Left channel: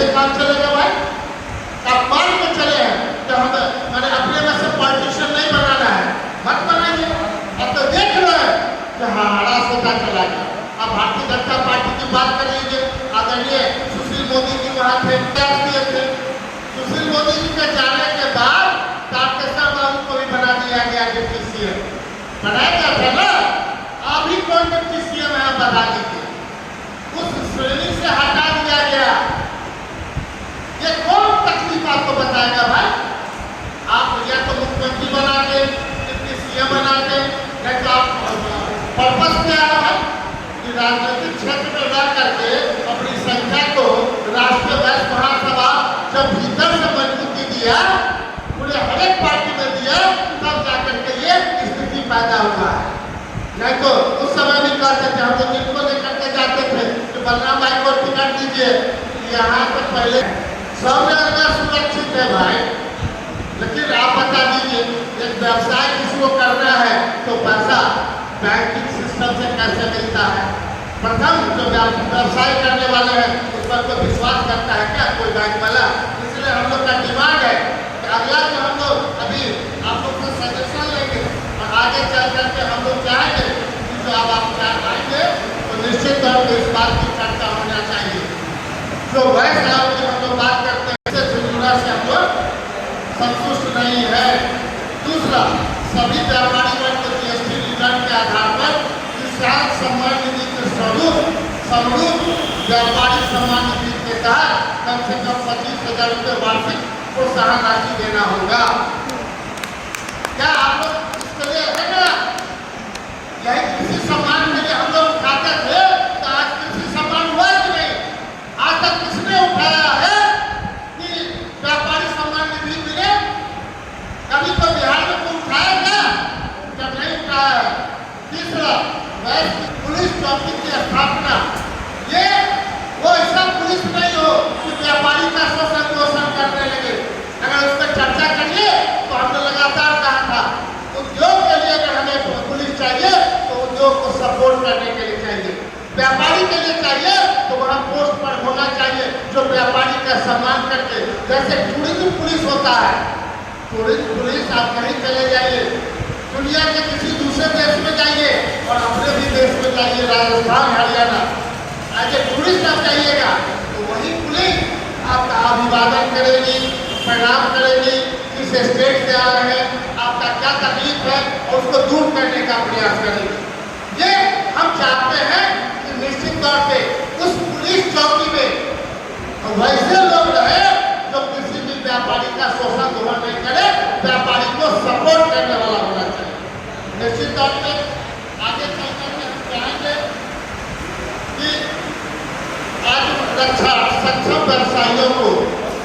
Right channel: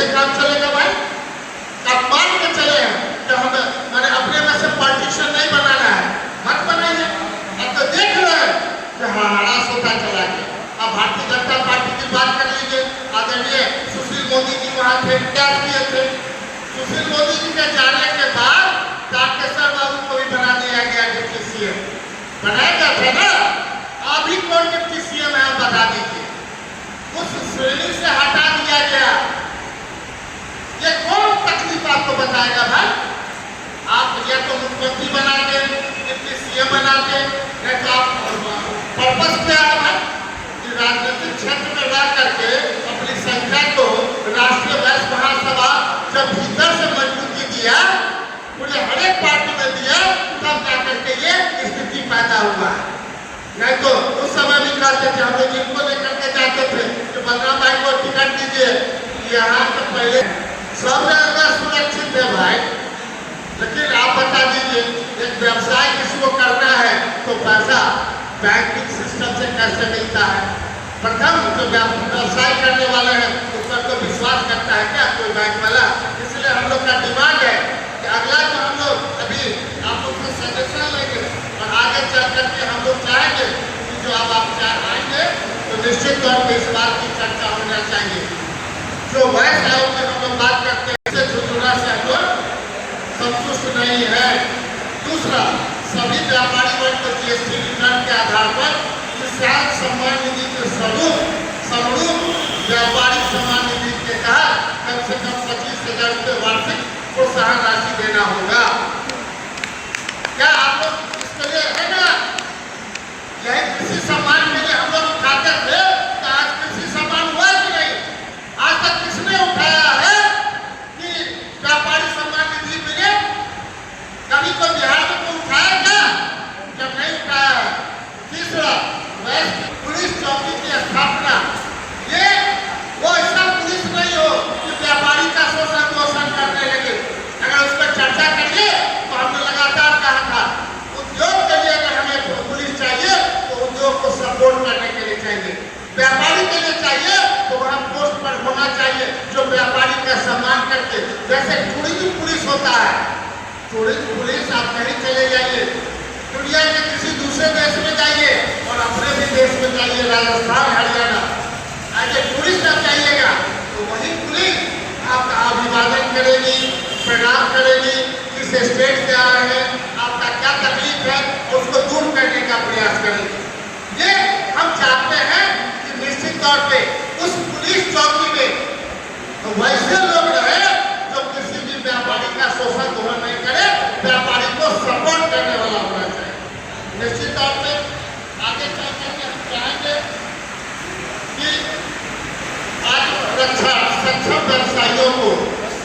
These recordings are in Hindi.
ऐसे काम चलेगा भाई? आप मान के चले हैं कि हम मैंने अपने में से पार्टीशन नहीं बनाना है, मत बनाइए। अब तो देख रहे हैं कि हाँ हरास होता चला गया। अब भारतीय जनता पार्टी की बात कर लीजिए, आदरणीय सुशील मोदी जी वहाँ थे, किए थे। सुशील मोदी जी के जाने के बाद तारकेश्वर बाबू को भी बना दिया गया डिप्टी सीएम। बनाया था ना, अभी कौन डिप्टी सीएम है बता दीजिए। उस श्रेणी से हटा दिया गया। ये कौन तकलीफ आपको बताएगा भाई? आप या तो मुख्यमंत्री बना के, डिप्टी सीएम बना के, या तो आप पर्पस क्या है कि राजनीतिक क्षेत्र में जा करके अपनी संख्या को राष्ट्रीय वैश्य महासभा जब भीतर से मजबूती दिया, पूरे हर एक पार्टी ने दिया, तब जाकर के ये स्थिति पैदा हुआ है। नहीं तो उस समय भी कहते थे, हम लोग इनको लेकर के जाते थे तो बलराम भाई को टिकट दीजिए, यहाँ से पहले सब जगह सुरक्षित है भाई। लेकिन आप बता दीजिए, एक व्यवसाय किसी को करना है तो पैसा बैंकिंग सिस्टम से कैसे मिलता है? प्रथम जो व्यवसाय करने वाले हैं उस पर तो विश्वास करता है क्या कोई बैंक वाला? इसलिए हम लोग का डिमांड है कि अगला जो हम लोग अभी आप लोग से सजेशन लेंगे और आगे चल करके हम लोग चाहेंगे कि जो आप चाहेंगे तो निश्चित तौर पर इस बात की चर्चा होना चाहिए। जो वैश्य आयोग की हम लोग बात करते हैं, इससे झुंझुना से हम लोग संतुष्ट नहीं है। दूसरा, सभी व्यापारी वर्ग को जीएसटी रिटर्न के आधार पर किसान सम्मान निधि के स्वरूप व्यापारी सम्मान निधि के तहत कम से कम 25,000 रुपये वार्षिक प्रोत्साहन राशि देना होगा। क्या आप लोग इसके लिए है ना? यह किसी सम्मान के लिए हम लोग उठाते थे तो आज किसी सम्मान हुआ कि नहीं? आज तक किसने उठाया है कि व्यापारी सम्मान निधि मिले? कभी तो बिहार में कोई उठाया क्या? जब नहीं उठाया। तीसरा, पुलिस चौकी की स्थापना, ये वो ऐसा पुलिस नहीं हो कि व्यापारी का शोषण करने लगे। अगर उस पर चर्चा करिए तो हमने लगातार कहा था उद्योग के लिए अगर हमें पुलिस चाहिए तो उद्योग को सपोर्ट करने के लिए चाहिए, व्यापारी के लिए चाहिए तो वहाँ पोस्ट पर होना चाहिए जो व्यापारी का सम्मान करके, जैसे टूरिज्म पुलिस होता है। टूरिज्म पुलिस आप कहीं चले जाइए, दुनिया के किसी दूसरे देश में जाइए और अपने भी देश में जाइए, राजस्थान हरियाणा, आज टूरिस्ट आप जाइएगा तो वही पुलिस आपका अभिवादन करेगी, प्रणाम करेगी, किस स्टेट से आ रहे हैं, आपका क्या तकलीफ है उसको दूर करने का प्रयास करेगी। ये हम चाहते हैं कि निश्चित तौर पे उस पुलिस चौकी में वैसे लोग रहे जो किसी भी व्यापारी का शोषण ग्रहण नहीं करे, व्यापारी को सपोर्ट करने वाला होना चाहिए। निश्चित तौर पे आगे चल करके हम चाहेंगे कि आज रक्षा सक्षम व्यवसायियों को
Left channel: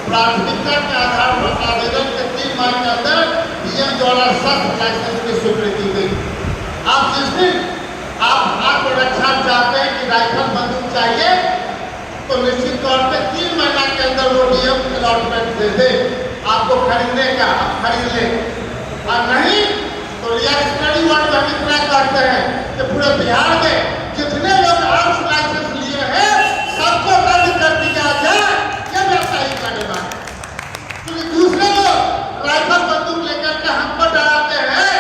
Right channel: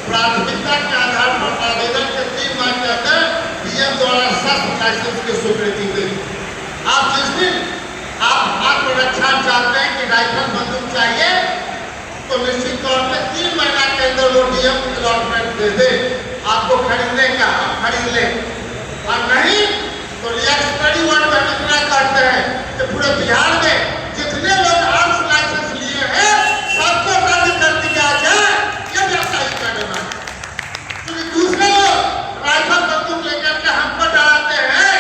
प्राथमिकता के आधार पर आवेदन के 3 माह के अंदर डीएम द्वारा शस्त्र लाइसेंस की स्वीकृति देगी। आप जिस दिन आप आत्मरक्षा चाहते हैं कि राइफल बंदूक चाहिए तो निश्चित तौर पे 3 महीना के अंदर वो डीएम अलॉटमेंट दे दे, आपको खरीदने का खरीद ले, और नहीं तो स्टडी वर्क हम इतना करते हैं कि पूरे बिहार में जितने लोग आर्म्स लाइसेंस लिए हैं सबको रद्द कर दिया जाए, ये व्यवसायी का डिमांड। क्योंकि दूसरे लोग राइफल बंदूक लेकर के हमको डराते हैं,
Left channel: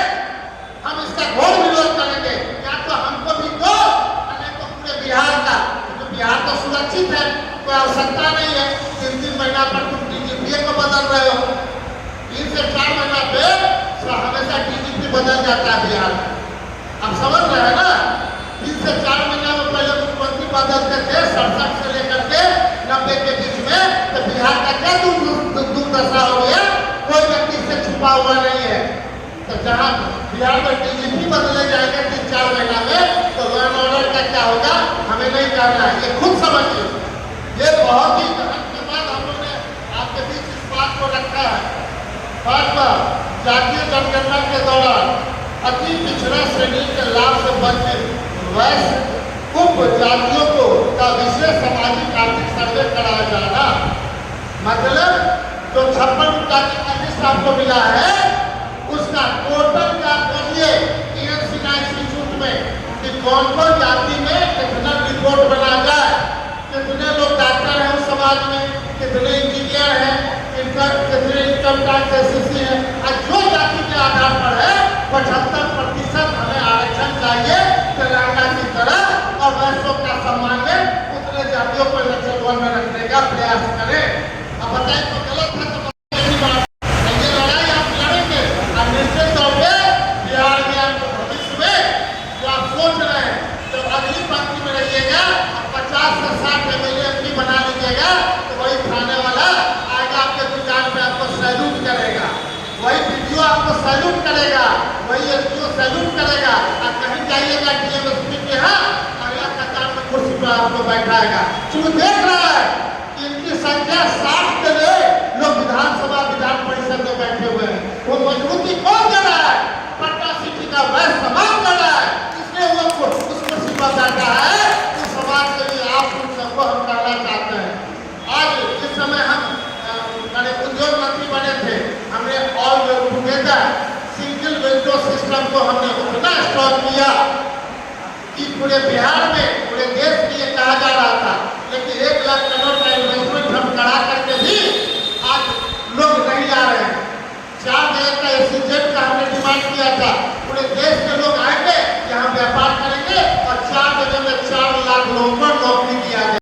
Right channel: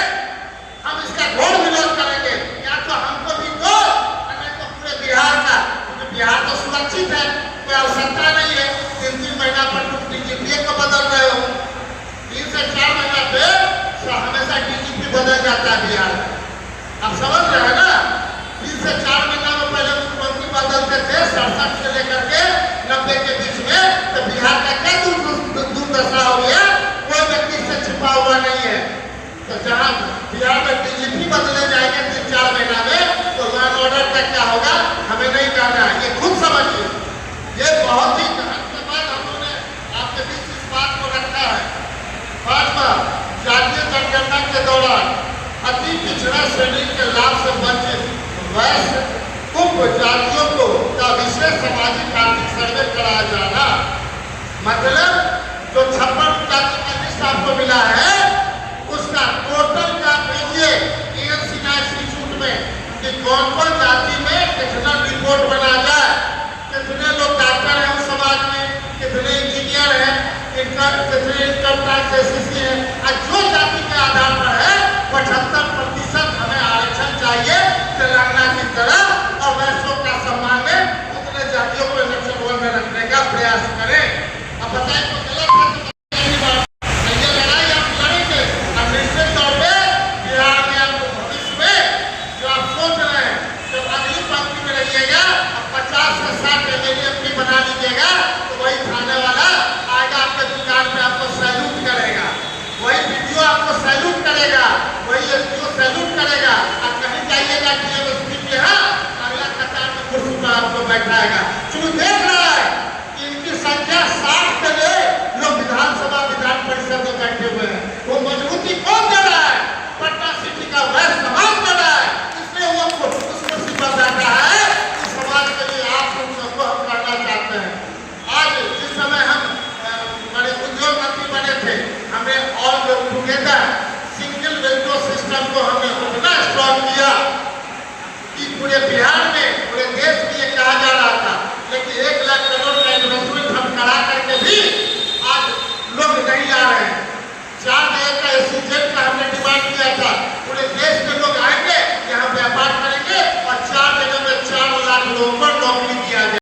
हम इसका घोर विरोध करेंगे। या तो हमको भी दो, नहीं तो पूरे बिहार का, क्योंकि बिहार तो सुरक्षित है, कोई आवश्यकता नहीं है 3-3 महीना पर तुम डीजीपी को बदल रहे हो। 3 से 4 महीना पे हमेशा डीजीपी बदल जाता है बिहार। अब समझ रहे हैं ना? 3 से 4 महीना में पहले मुख्यमंत्री बदलते थे 67 से लेकर के 90 के बीच में, तो बिहार का क्या दुर्दशा हो गया? कोई व्यक्ति से छुपा हुआ नहीं है। तो जहाँ बिहार में डीजीपी बदले जाएंगे 3-4 महीना में तो लॉ एंड ऑर्डर का क्या होगा हमें नहीं कहना है, ये खुद समझिए। ये बहुत ही धन्यवाद हम लोगों ने आपके बीच इस बात को रखा है। 5वां, जातीय जनगणना के दौरान अति पिछड़ा श्रेणी के लाभ से वंचित वैश्य उपजातियों को का विशेष सामाजिक आर्थिक सर्वे कराया जाना। मतलब जो 56 जाति का लिस्ट आपको मिला है उसका टोटल का करिए इंस्टीट्यूट में कि कौन कौन जाति में कितना रिपोर्ट बना जाए, कितने लोग डॉक्टर हैं उस समाज में, आपको सैल्यूट करेगा, वही एसपीओ सैल्यूट करेगा। और कहीं जाइएगा टीएमएसपी के यहाँ, अगला कतार में कुर्सी पर आपको बैठाएगा। चलो देख रहा है कि इनकी संख्या 60 के लिए लोग विधानसभा विधान परिषद में बैठे हुए हैं। वो मजबूती कौन दे रहा है? पटना सिटी का वैश्य समाज कर रहा है, इसलिए वो उस कुर्सी पर बैठा है। इस समाज के लिए आप उन सबको हम करना चाहते हैं। आज जिस समय हम बड़े उद्योग मंत्री बने थे, हमने all together single window system को हमने उतना इंस्टॉल किया कि पूरे बिहार में, पूरे देश में ये कहा जा रहा था। लेकिन 1 लाख करोड़ का इन्वेस्टमेंट हम करा करके भी आज लोग नहीं आ रहे हैं। 4 जगह का एसोसिएट का हमने डिमांड किया था, पूरे देश के लोग आए